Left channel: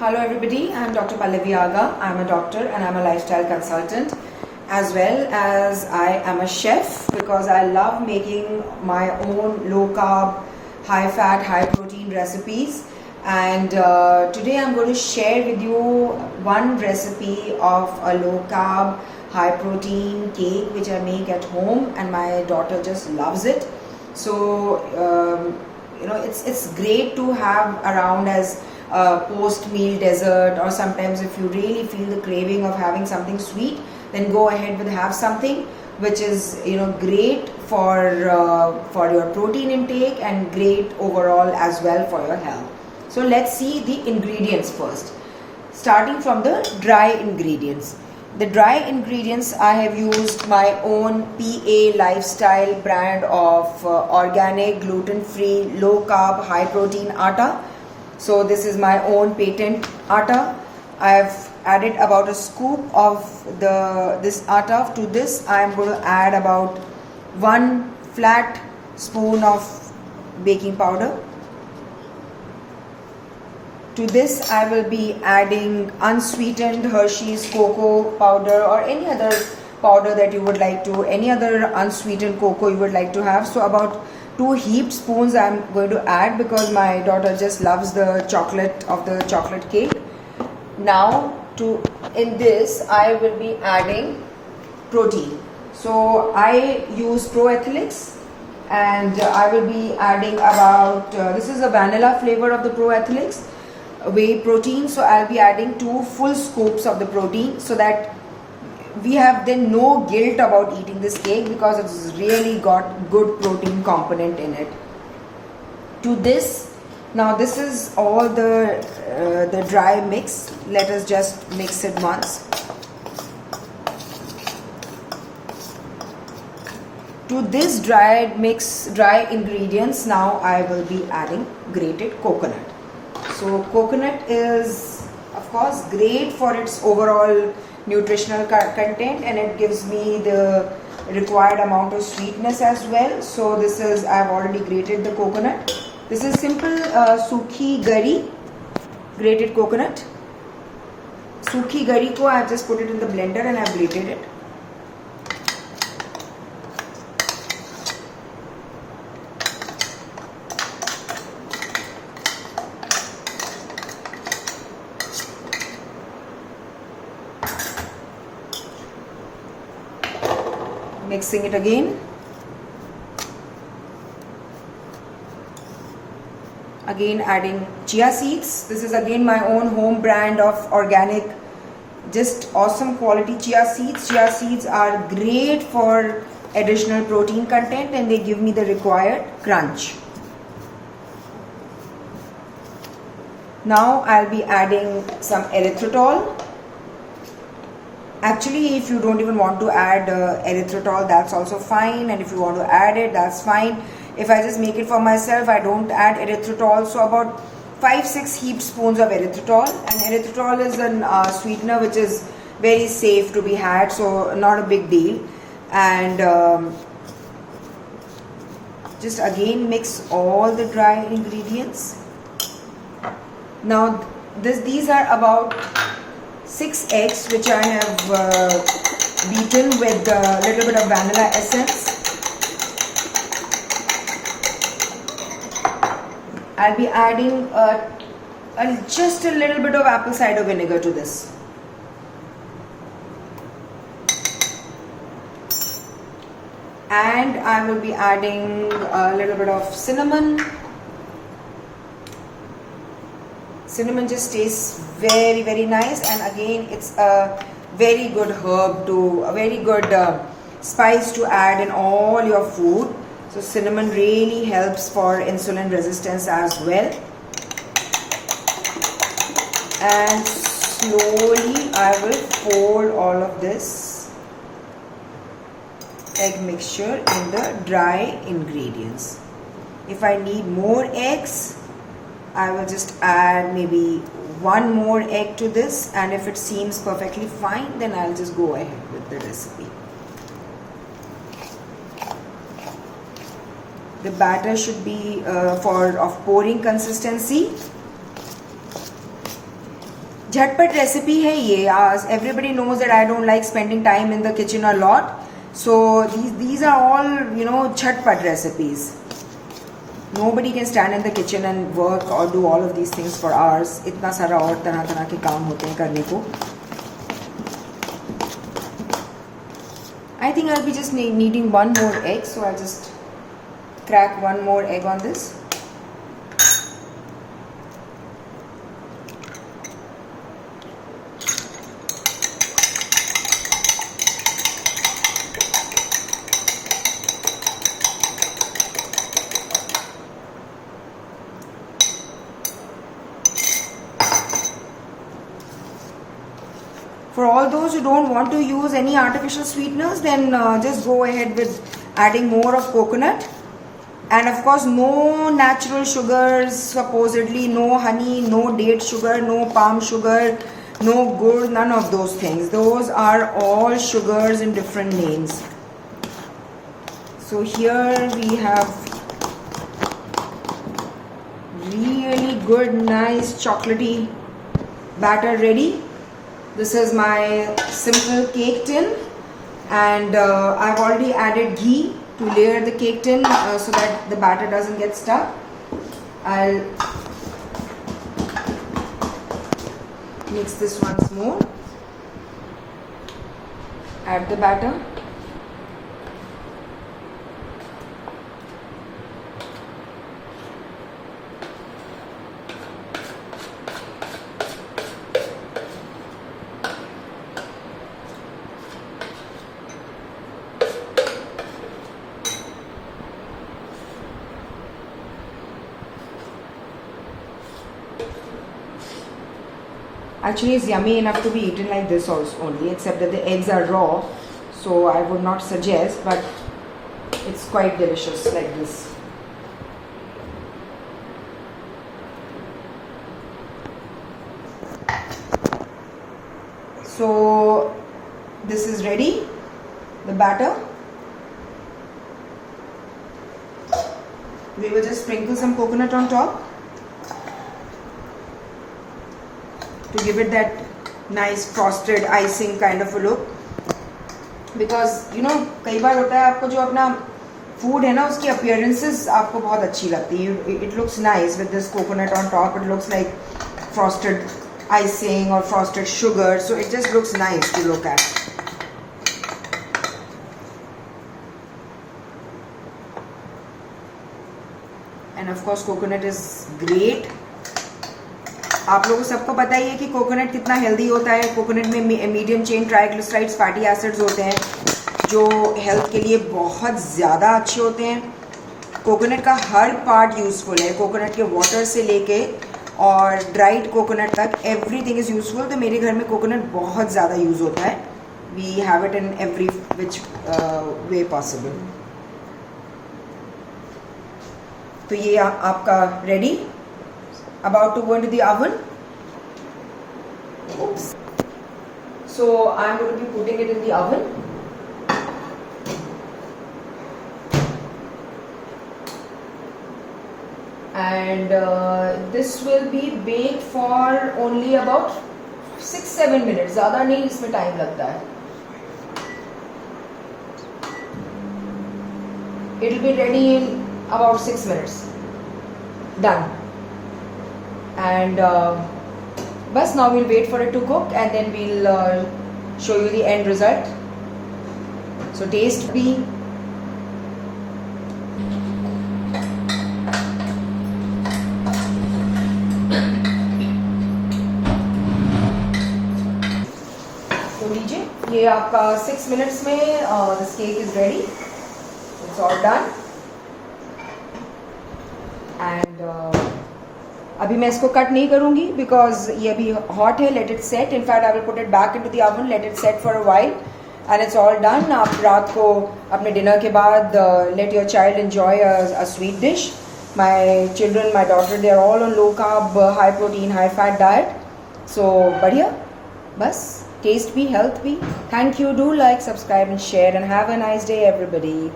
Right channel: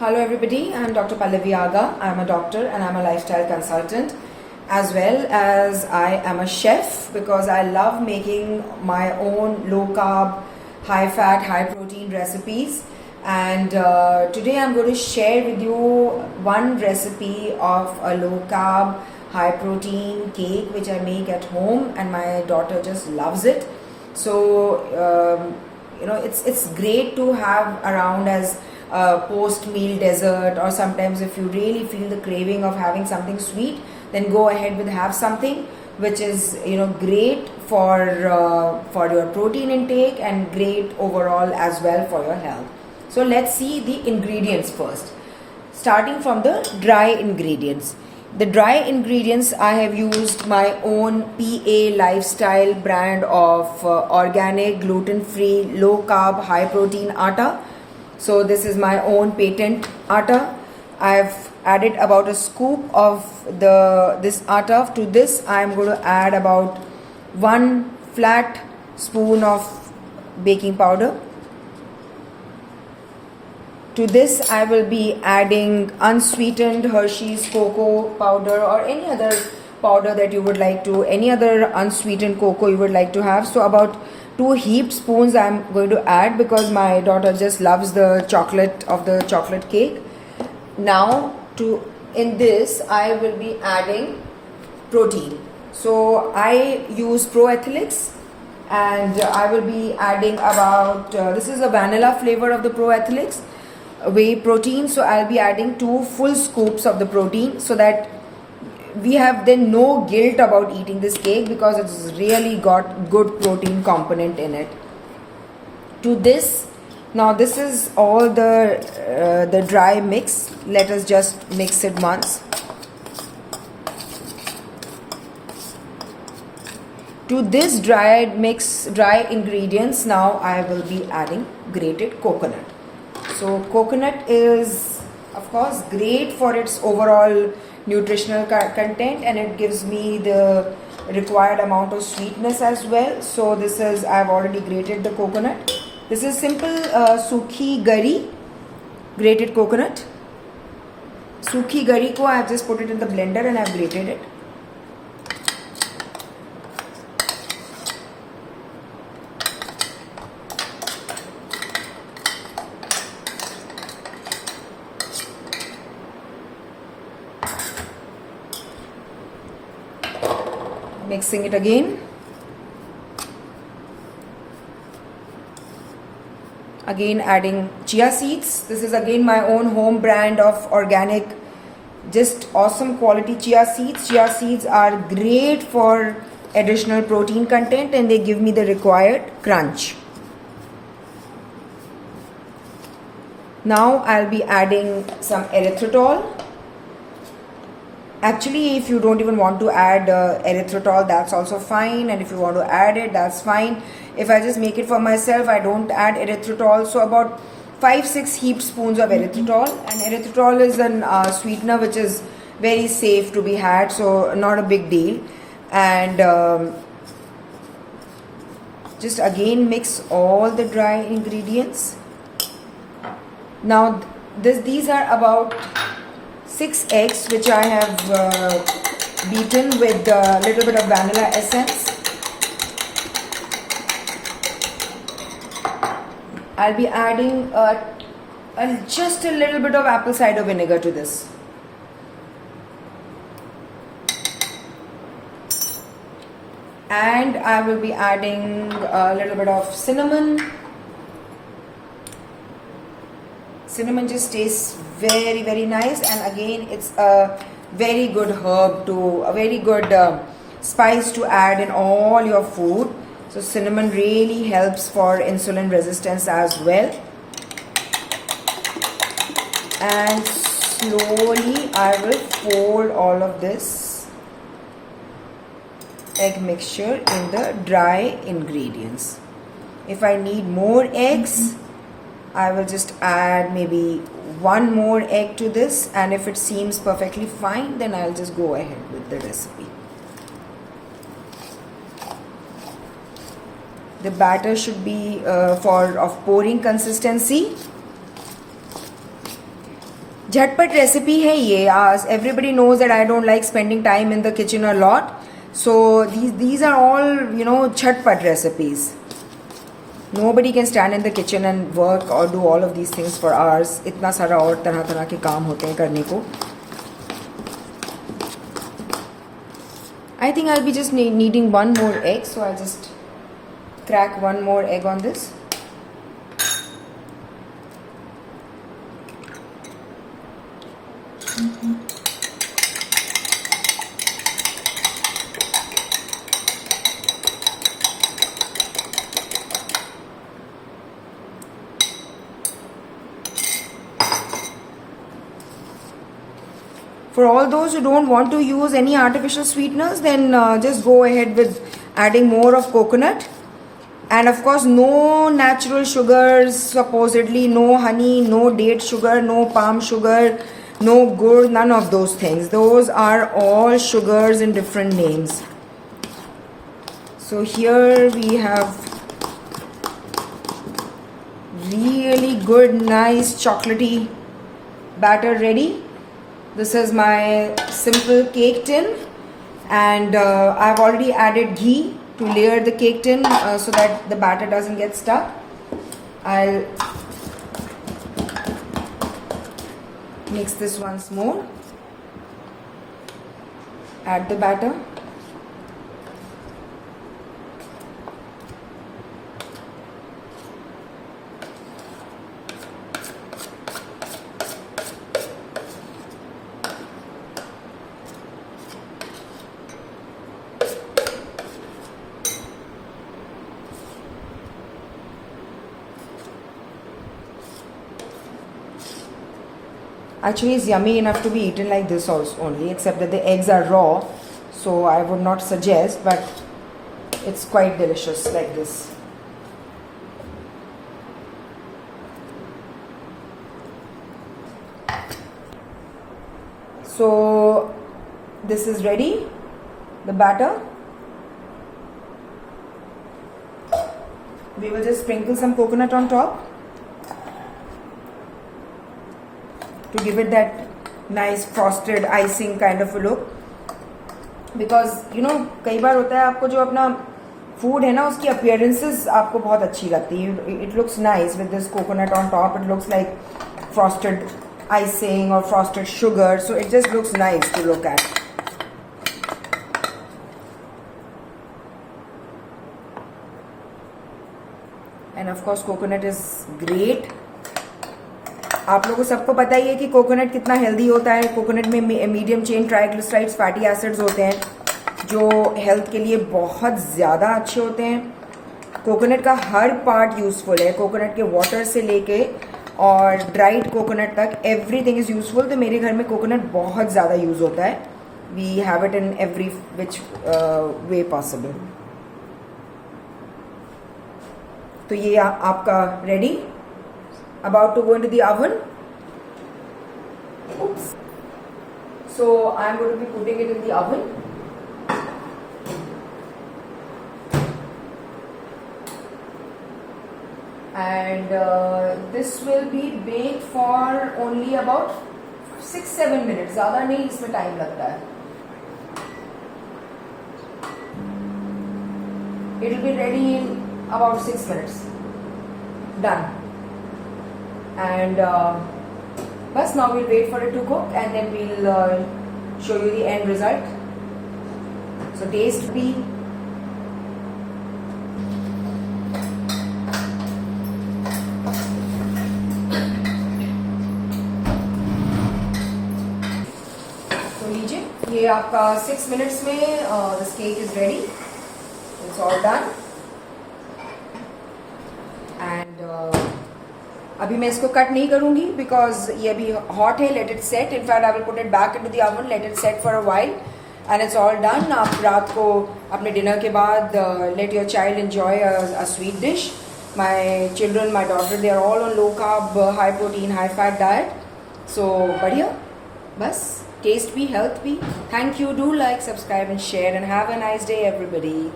Hello everybody, I'm Dr. Pallavi Aga. I'm a doctor and I'm a lifestyle consultant, as well as I am a chef because I love making my own low carb, high fat, high protein recipes. And today I'm going to share with you one recipe of a low carb, high protein cake which I make at home, and my daughter just loves it. So it's great to have around as post-meal dessert, or sometimes if you really feel the craving of having something sweet, then go ahead with have something which is great for your protein intake and great overall as well for your health. So let's see the ingredients first, starting from the dry ingredients. The dry ingredients, I have used my own PA Lifestyle brand of organic, gluten-free, low-carb, high-protein atta. So this is my own patent atta. I've added about a scoop of this atta. To this I am going to add about 1 flat spoon of baking powder. To this I will be adding unsweetened Hershey's cocoa powder, or any other powder that you would like to, any other unsweetened cocoa you would like to have. So about 2 heaped spoons I am going to add because my daughter just loves the chocolate of the chocolate cake. Now in this I will be adding protein. So I use Pro Athlex, and I will be adding about, this is a vanilla flavor of the Pro Athlex whey protein. So I'll be adding 2 full scoops of the protein, so that we have then no guilt about eating this cake because it's really got good protein component in it. To this, now this is all the dry mix. Let us just mix it once. To this dry ingredients, now I will be adding grated coconut. So coconut is of course great for its overall nutritional content, and it gives me the required amount of sweetness as well. So this is, I've already grated the coconut. This is simple sukhi gari, grated coconut. Sukhi gari ko I've just put it in the blender and I've grated it. Mixing it again. Again adding chia seeds. This is again my own home brand of organic, just awesome quality chia seeds. Chia seeds are great for additional protein content, and they give me the required crunch. Now I'll be adding some erythritol. Actually, if you don't even want to add erythritol, that's also fine, and if you want to add it, that's fine. If I just make it for myself, I don't add erythritol. So about 5-6 heaped spoons of erythritol, and erythritol is a sweetener which is very safe to be had, so not a big deal. And just again mix all the dry ingredients. Now these are about 6 eggs which I have beaten with a little bit of vanilla essence. I'll be adding just a little bit of apple cider vinegar to this. And I will be adding a little bit of cinnamon. Cinnamon just tastes very, very nice, and again it's a very good herb a very good spice to add in all your food. So cinnamon really helps for insulin resistance as well. And slowly I will fold all of this egg mixture in the dry ingredients. If I need more eggs, I will just add maybe 1 more egg to this, and if it seems perfectly fine, then I'll just go ahead with the recipe. The batter should be of pouring consistency. झटपट recipe है ये. Everybody knows that I don't like spending time in the kitchen a lot. So these are all, झटपट recipes. Nobody can stand in the kitchen and work or do all of these things for hours. इतना सारा और तरह तरह के काम होते हैं करने को. I think I'll be just needing one more egg, so I'll just crack one more egg on this. For all those who don't want to use any artificial sweeteners, then just go ahead with adding more of coconut. And of course, no natural sugars, supposedly, no honey, no date sugar, no palm sugar, no gur, none of those things. Those are all sugars in different names. So here we have really good, nice chocolatey batter ready. This is my simple cake tin, and I've already added ghee to layer the cake tin so that the batter doesn't get stuck. I'll mix this once more. Add the batter. Actually, it's yummy enough to be eaten like this also only, except that the eggs are raw, so I would not suggest, but it's quite delicious like this. So this is ready, the batter. We will just sprinkle some coconut on top to give it that nice frosted icing kind of a look. Because कई बार होता है आपको जो अपना food है ना उसकी appearances आपको बहुत अच्छी लगती है. It looks nice with this coconut on top. It looks like frosted icing or frosted sugar, so it just looks nice to look at. And of course coconut is great. आप लोगों को सबको पता ही है कि कोकोनट कितना healthy होता है. कोकोनट में medium chain triglycerides fatty acids होते हैं जो हेल्थ के लिए बहुत ज़्यादा अच्छे होते हैं. कोकोनट का हर पार्ट यूज़फुल है. कोकोनट के वाटर से लेके और ड्राइड कोकोनट तक एवरीथिंग इज़ यूज़फुल. तो मेरे घर में कोकोनट बहुत ज़्यादा यूज़ होता है. We have it in every which way possible. तो ये आपका ready, about to go into the oven. Oops. So I'm going to be putting it in the oven. And this will be baked for only about 6-7 minutes. ज़्यादा नहीं इसमें time लगता है. It will be ready in about 6 minutes. Done. And bus now we'll wait for it to cook and then we'll show you the end result. So taste be. तो लीजिए ये आपका 6 minutes में this cake is ready. It's all done. And अभी मैं इसको cut नहीं करूंगी बिकॉज ये अभी हॉट है. Let it set. In fact I will put it back into the oven, let it set for a while and it's all done. आप रात को अपने डिनर के बाद let your child enjoy a sweet dish. My children, my daughter, they are all on low carb, high protein, high fat diet. So बढ़िया. बस taste भी, health भी. Thank you. Do like, subscribe and share and have a nice day everybody.